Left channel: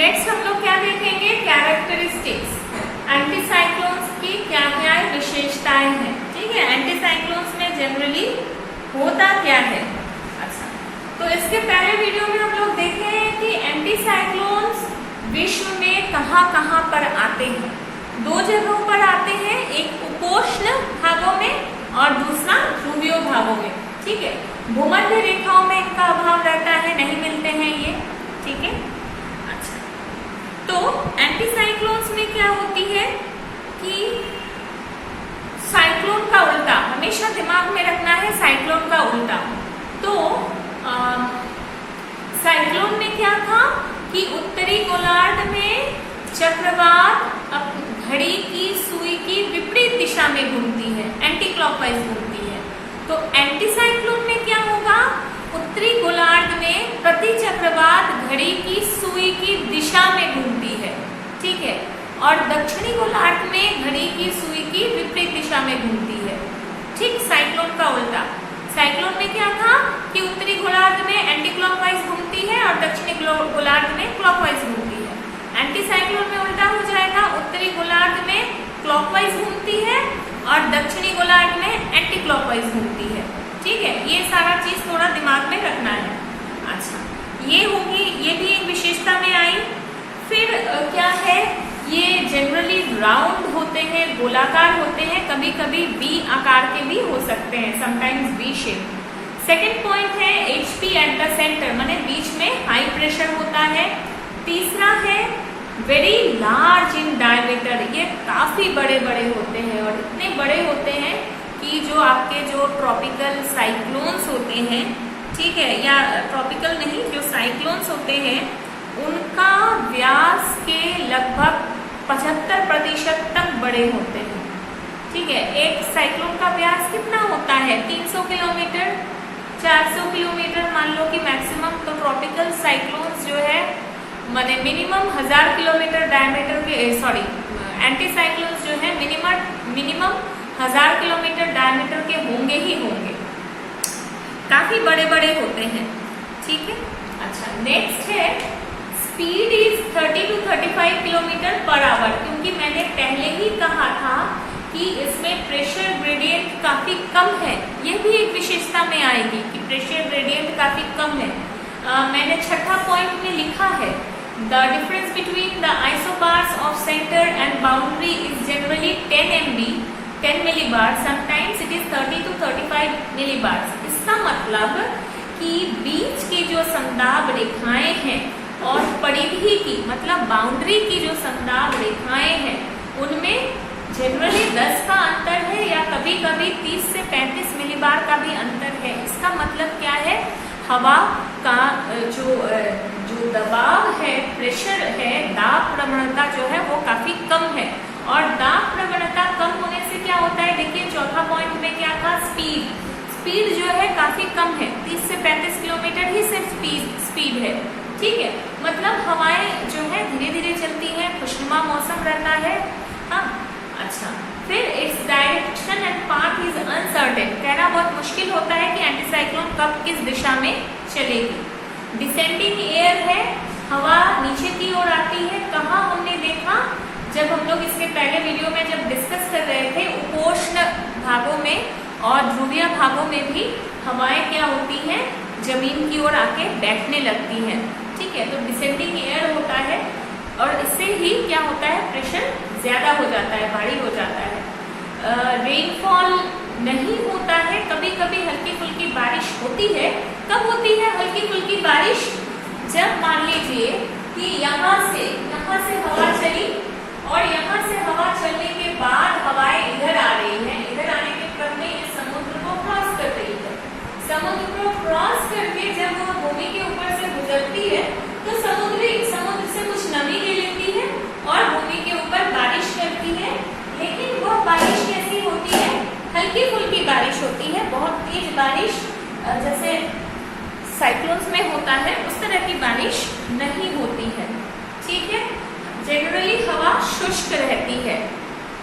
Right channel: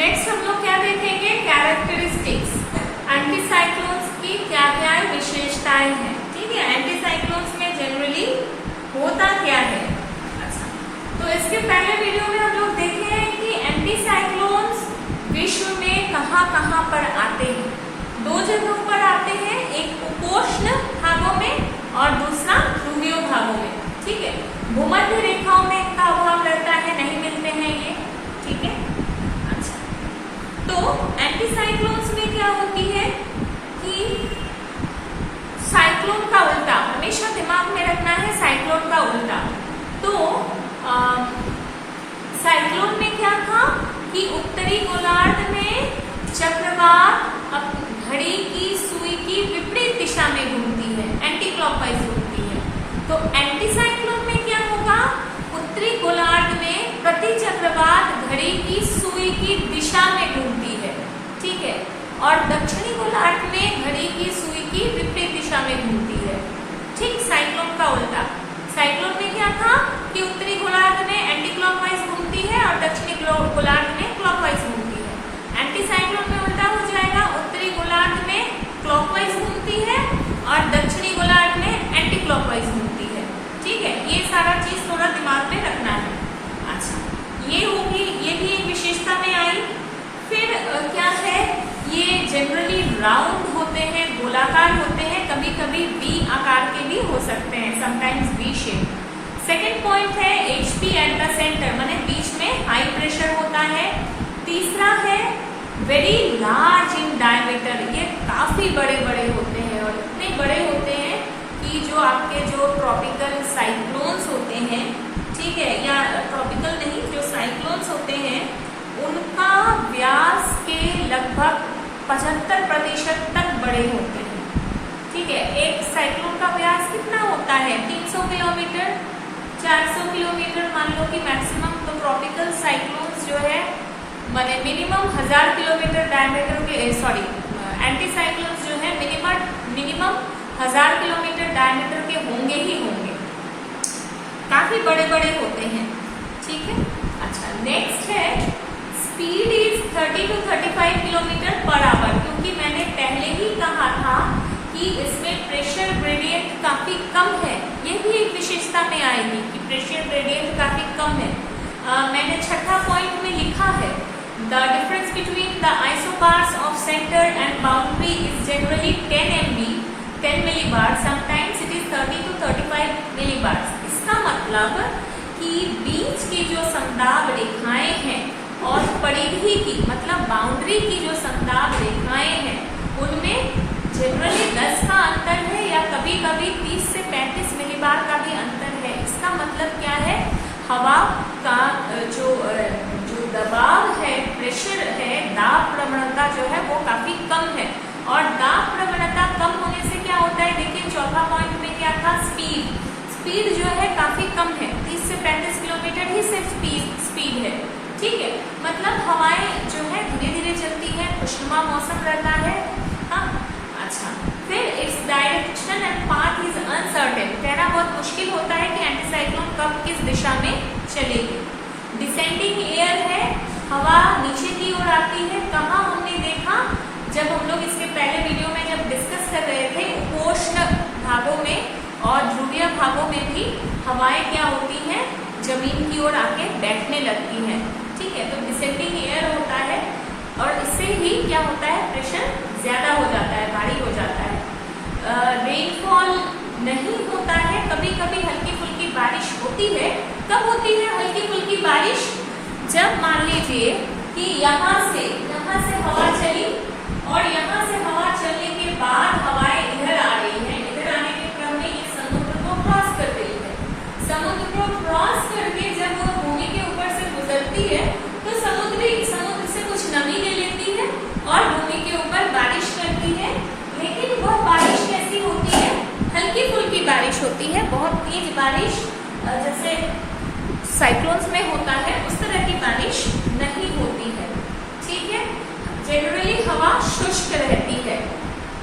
Next हम लोग क्या देखेंगे, कैरेक्टरिस्टिक्स, एंटीसाइक्लोन्स की क्या क्या विशेषताएं हैं। ठीक है, एंटीसाइक्लोन्स में जनरली होता क्या है। अच्छा, तो इसके पहले वीडियो में हम लोग देखे हैं कि एंटीसाइक्लोन्स विश्व में कहाँ कहाँ पर आते हैं। दो जगहों पर आते हैं, एक उपोष्ण भागों में और दूसरा ध्रुवीय भागों में। ठीक है, भूमध्य रेखाओं में इनका अभाव रहता है, नहीं मिलते हैं ये। ठीक है, अच्छा, तो एंटीसाइक्लोन्स में क्या होती है कि साइक्लोन का उल्टा, हमेशा दिमाग में रखना है साइक्लोन का उल्टा। तो साइक्लोन में क्या था कि उत्तरी गोलार्ध में चक्रवात घड़ी की सुई की विपरीत दिशा में घूमती है, एंटी क्लॉकवाइज घूमती है। तो एंटीसाइक्लोन में क्या होगा, उत्तरी गोलार्ध में प्रति चक्रवात घड़ी की सुई की दिशा में घूमती है। ठीक है, और दक्षिणी गोलार्ध में घड़ी की सुई की विपरीत दिशा में घूमती है। ठीक साइक्लोन का उल्टा। साइक्लोन में क्या था कि उत्तरी गोलार्ध में एंटी क्लॉकवाइज घूमती है और दक्षिणी गोलार्ध में क्लॉकवाइज घूमती है। एंटी साइक्लोन में उल्टा हो जाएगा, उत्तरी गोलार्ध में क्लॉकवाइज घूमती है और दक्षिणी गोलार्ध में एंटी क्लॉकवाइज घूमती है। ठीक है, ये सारा चीज थोड़ा दिमाग में रखना है। अच्छा, ये होगी, ये भी एक विशेषता में आई। फिर क्या है, ये जनरली राउंड होते हैं, गोलाकार होते हैं, कभी कभी वी आकार के भी हो सकते हैं, sometimes V shape. Second point है एचपी एट द सेंटर, माने बीच में हाई प्रेशर होता है। तीसरा है वेरी लार्ज इन डायमीटर, ये काफी बड़े बड़े होते हैं और इतने बड़े होते हैं कि जो आपके जो ट्रॉपिकल साइक्लोन्स होते हैं, ठीक है, या ट्रॉपिकल नहीं, जो साइक्लोन्स होते हैं उनका व्यास के लगभग 75% तक बड़े होते हैं। ठीक है, एक साइक्लोन का व्यास कितना होता है, 300 किलोमीटर, 400 किलोमीटर मान लो कि मैक्सिमम। तो ट्रॉपिकल साइक्लोन्स जो है माने मिनिमम 1000 किलोमीटर डायमीटर के, सॉरी, एंटीसाइक्लोन्स जो है मिनिमम 1000 किलोमीटर डायमीटर के होंगे ही होंगे, काफी बड़े बड़े होते हैं। ठीक है, अच्छा, नेक्स्ट है speed is 30 to 35 kilometre per hour, क्योंकि मैंने पहले ही कहा था कि इसमें प्रेशर ग्रेडियंट काफी कम है। ये भी एक विशेषता में आएगी कि प्रेशर ग्रेडियंट काफी कम है। मैंने छठा पॉइंट में लिखा है the difference between the isobars of centre and boundary is generally 10 MB, 10 millibar, sometimes it is 30 to 35 millibar. इसका मतलब कि बीच की जो समदाब रेखाएं हैं और परिधि की, मतलब बाउंड्री की जो समदाब रेखाएं हैं, उनमें जनरली 10 का अंतर है या कभी कभी 30 से 35 मिलीबार का भी अंतर है। इसका मतलब क्या है, हवा का जो दबाव है, प्रेशर है, दाब प्रवणता जो है वो काफी कम है। और दाब प्रवणता कम होने से क्या होता है, देखिए चौथा पॉइंट में क्या था, स्पीड जो है काफी कम है, 30 से 35 किलोमीटर ही सिर्फ स्पीड है। ठीक है, मतलब हवाएं जो है धीरे धीरे चलती है, खुशनुमा मौसम रहता है। हाँ, अच्छा, फिर its direction and path is uncertain, कहना बहुत मुश्किल होता है कि एंटीसाइक्लोन कब किस दिशा में चलेगी। डिसेंडिंग एयर है, हवा नीचे की ओर आती है। कहाँ हमने देखा, जब हम लोग इसके पहले वीडियो में जब डिस्कस कर रहे थे, उपोष्ण भागों में और ध्रुवीय भागों में भी हवाएं क्या होती हैं, जमीन की ओर आके बैठने लगती हैं। ठीक है, तो डिसेंडिंग एयर होता है और इससे ही क्या होता है, प्रेशर ज्यादा हो जाता है, भारी हो जाता है। रेनफॉल नहीं होता है, कभी कभी हल्की फुल्की बारिश होती है। कब होती है हल्की फुल्की बारिश, जब मान लीजिए कि यहाँ से हवा चली और यहाँ से हवा चलने के बाद हवाएं इधर आ रही हैं, इधर आने के क्रम में ये समुद्र को क्रॉस कर रही है। समुद्र को क्रॉस करके जब वो भूमि के ऊपर से गुजरती है तो समुद्र से कुछ नमी ले लेती है और भूमि के ऊपर बारिश करती है। लेकिन वह बारिश कैसी होती है, हल्की फुल्की बारिश होती है, बहुत तेज बारिश जैसे साइक्लोन्स में होता है उस तरह की बारिश नहीं होती है। ठीक है, जनरली हवा शुष्क रहती है।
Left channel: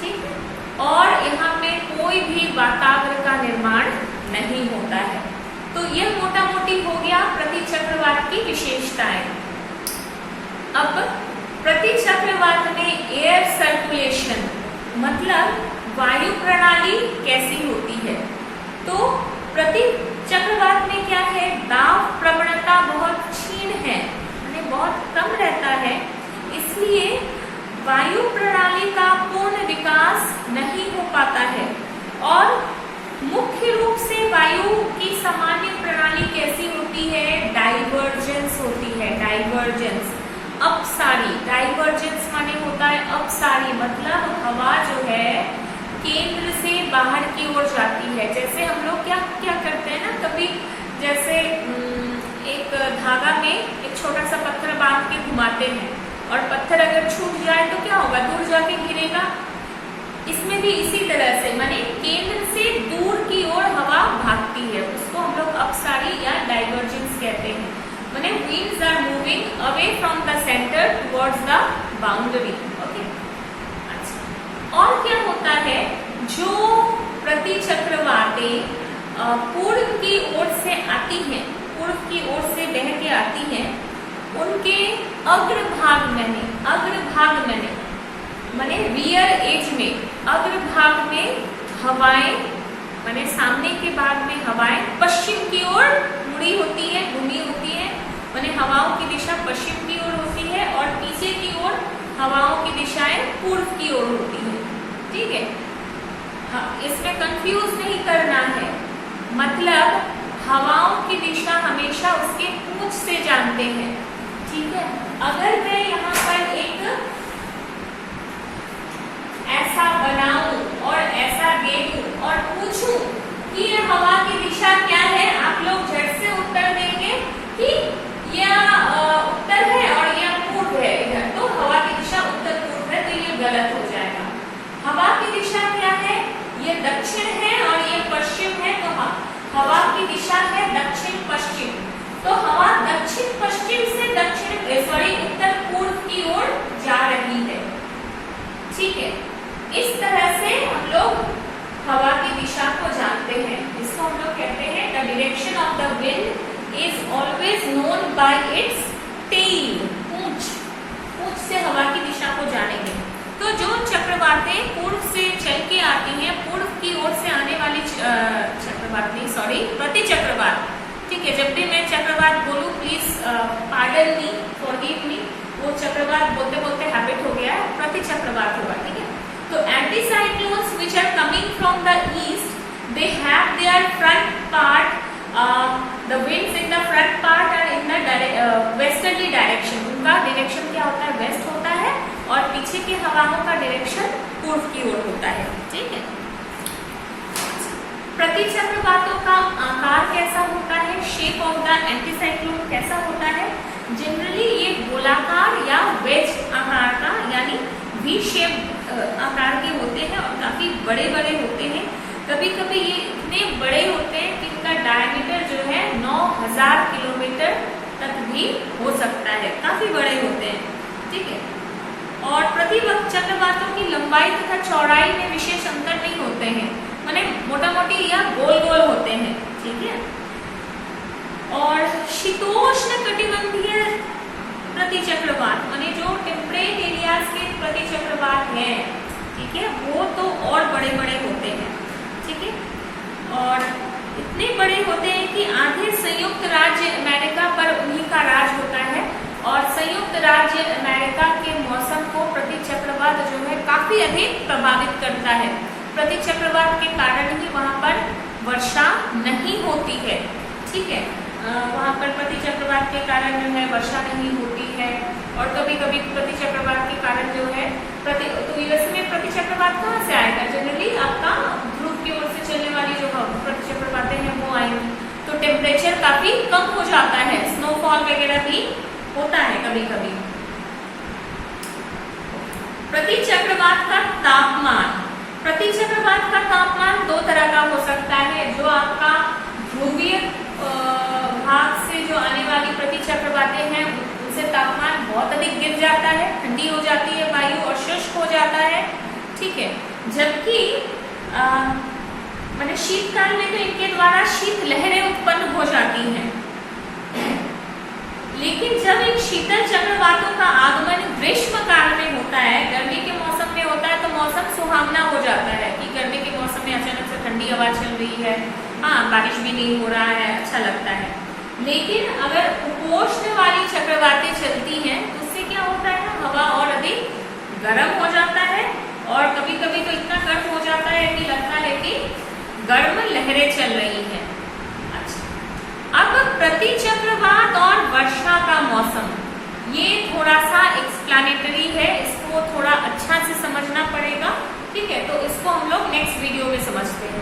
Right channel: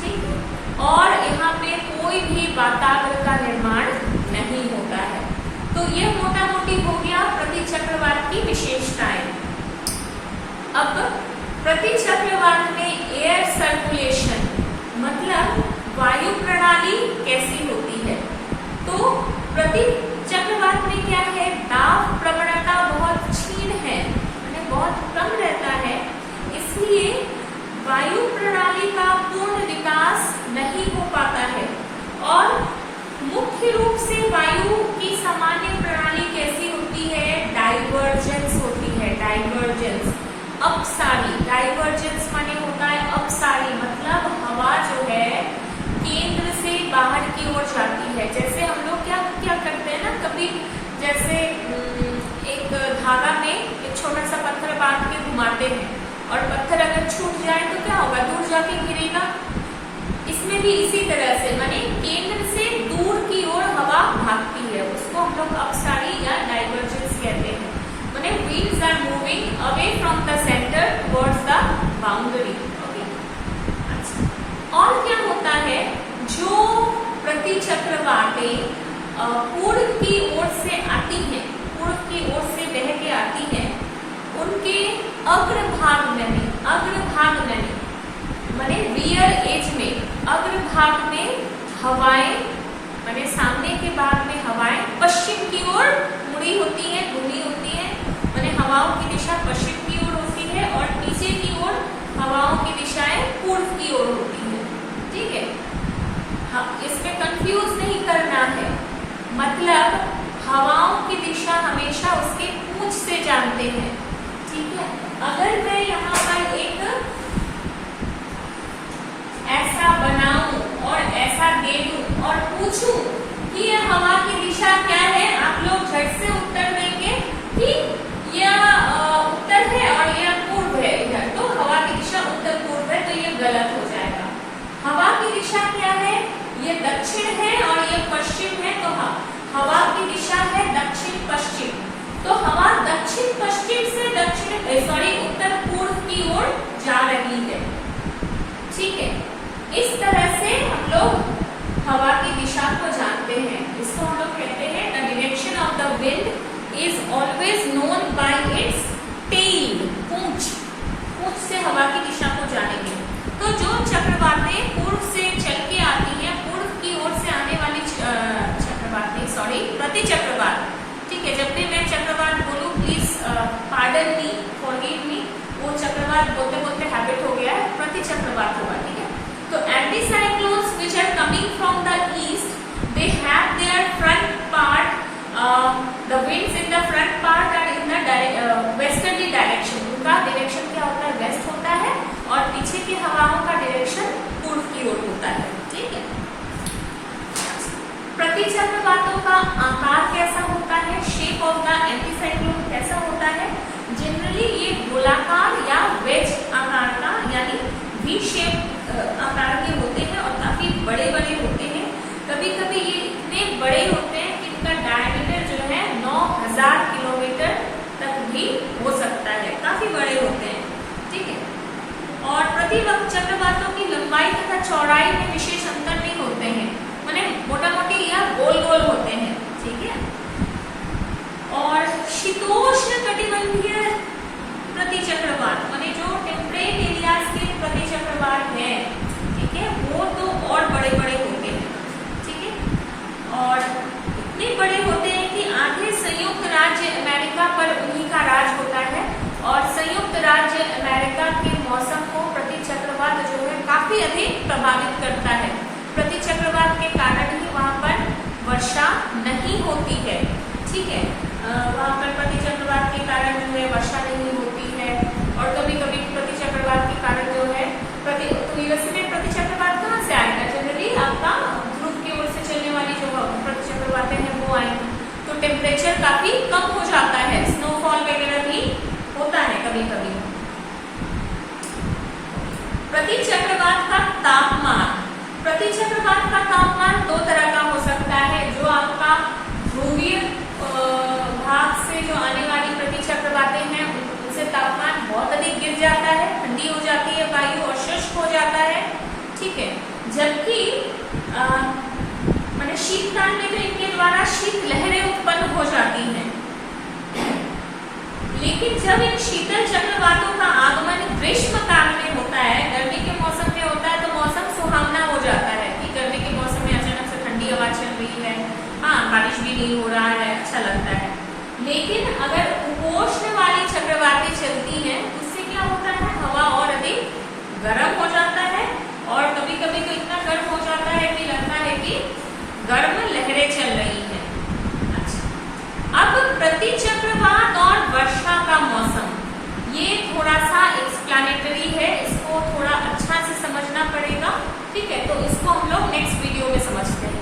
ठीक है, और यहाँ पे कोई भी वातावरण का निर्माण नहीं होता है। तो यह मोटा मोटी हो गया प्रति चक्रवात की विशेषताएं। अब प्रति चक्रवात में एयर सर्कुलेशन मतलब वायु प्रणाली कैसी होती है। तो प्रति चक्रवात में क्या है, दाब प्रवणता बहुत क्षीण है, यानी बहुत कम रहता है, इसलिए वायु प्रणाली का पूर्ण विकास नहीं हो पाता है। और मुख्य रूप से वायु की सामान्य प्रणाली कैसी होती है, डाइवर्जेंस होती है, डाइवर्जेंस, अपसारी। डाइवर्जेंस माने होता है अपसारी, मतलब हवा जो है केंद्र से बाहर की ओर जाती है। जैसे हम लोग क्या क्या करते हैं ना, कभी जैसे एक धागा में एक छोटा सा पत्थर बांध के घुमाते हैं और पत्थर अगर छूट जाए तो क्या होगा, दूर जाके गिरेगा। इसमें भी इसी तरह से माने केंद्र से दूर की ओर हवा भागती है, उसको हम लोग अपसारी या डाइवर्जेंस कहते हैं। माने winds are moving away from the center towards the boundary। Okay, अच्छा, और क्या होता है, जो प्रति चक्रवातें पूर्व की ओर से आती हैं, पूर्व की ओर से बह के आती हैं, उनके अग्रभाग में माने रियर एज में, अग्रभाग में हवाएं माने सामने के भाग में हवाएं पश्चिम की ओर मुड़ी होती है, घूमी होती है, माने हवाओं की दिशा पश्चिम की ओर होती है और पीछे की ओर हवाओं की दिशाएं पूर्व की ओर होती है। ठीक है, इसमें कंफ्यूज नहीं करना है, मतलब हवाओं की दिशा हमेशा उसके पूंछ से जानते हैं। ठीक है, अगर मैं यहाँ पर एक ऐसा बनाऊं और ऐसा दे दूं और पूछूं कि यह हवा की दिशा क्या है, आप लोग झट से उत्तर देंगे कि यह उत्तर है और यह पूर्व है इधर, तो हवा की दिशा उत्तर पूर्व है, तो ये गलत हो जाएगा। हवा की दिशा क्या है, ये दक्षिण है और ये पश्चिम है, तो हवा की दिशा है दक्षिण पश्चिम, तो हवा दक्षिण पश्चिम से उत्तर पूर्व की ओर जा रही है। ठीक है, इस तरह से हम लोग हवा की दिशा को जानते हैं। इसको हम लोग कहते हैं the direction of the wind is always known by its tail. पूंछ से हवा की दिशा को जानेंगे। तो जो चक्रवातें पूर्व से चल के आती हैं, पूर्व की ओर से आने वाली प्रति चक्रवात। ठीक है, जब भी मैं चक्रवात बोलूं please pardon me, forgive me, वो चक्रवात बोलते बोलते हैबिट हो गया है, प्रति चक्रवात होगा। ठीक है, तो anti cyclones which are coming from the east, they have their front part, the winds in the front part and in the westerly direction. उनका डायरेक्शन क्या होता है, वेस्ट होता है, और पीछे की हवाओं का डायरेक्शन पूर्व की ओर होता है। ठीक है, प्रति चक्रवातों का आकार कैसा होता है, शेप ऑफ द एंटीसाइक्लोन कैसा होता है, जनरली ये गोलाकार या वेज आकार का यानी वी शेप आकार के होते हैं और काफी बड़े बड़े होते हैं। कभी कभी ये इतने बड़े होते हैं कि इनका डायमीटर जो है 9000 किलोमीटर तक भी हो सकता है, काफी बड़े होते हैं। ठीक है, और प्रति चक्रवातों की लंबाई तथा चौड़ाई में विशेष अंतर नहीं होते हैं, माने मोटा मोटी या गोल गोल होते हैं। ठीक है, और शीतोष्ण कटिबंधीय प्रति चक्रवात माने जो टेम्परेट एरियाज के प्रति चक्रवात है, ठीक है, वो तो और बड़े बड़े होते हैं। ठीक है, और इतने बड़े होते हैं कि आधे संयुक्त राज्य अमेरिका पर उन्हीं का राज होता है, और संयुक्त राज्य अमेरिका के मौसम को प्रति चक्रवात जो है काफी अधिक प्रभावित करता है। प्रति चक्रवात के कारण ही वहां पर वर्षा नहीं होती है। ठीक है, वहां पर प्रति चक्रवात के कारण जो है वर्षा नहीं होती है, और कभी कभी प्रति चक्रवात के कारण जो है तो यूएसए में प्रति चक्रवात कहाँ से आएगा, जनरली आपका ध्रुव की ओर से चलने वाली जो प्रति चक्रवातें हैं वो आएंगी, तो टेम्परेचर काफी कम हो जाता है, स्नोफॉल वगैरह भी होता है कभी कभी। प्रति चक्रवात का तापमान, प्रति चक्रवात का तापमान दो तरह का हो सकता है। जो आपका ध्रुवीय भाग से जो आने वाली प्रति चक्रवातें हैं उनसे तापमान बहुत अधिक गिर जाता है, ठंडी हो जाती है वायु और शुष्क हो जाता है। ठीक है, जबकि माने शीतकाल में तो इनके द्वारा शीत लहरें उत्पन्न हो जाती हैं। लेकिन जब एक शीतल चक्रवातों का आगमन ग्रीष्म काल में होता है, गर्मी के मौसम में होता है, तो मौसम सुहावना हो जाता है कि गर्मी के मौसम में अचानक से ठंडी हवा चल रही है, हाँ बारिश भी नहीं हो रहा है, अच्छा लगता है। लेकिन अगर उपोष्ण वाली चक्रवातें चलती हैं तो उससे क्या होता है, हवा और अधिक गर्म हो जाता है और कभी कभी तो इतना गर्म हो जाता है कि लगता है कि गर्म लहरें चल रही हैं। अच्छा, अब प्रति चक्रवात और वर्षा का मौसम, ये थोड़ा सा एक्सप्लेनेटरी है, इसको थोड़ा अच्छा से समझना पड़ेगा, ठीक है। तो इसको हम लोग नेक्स्ट वीडियो में समझते हैं।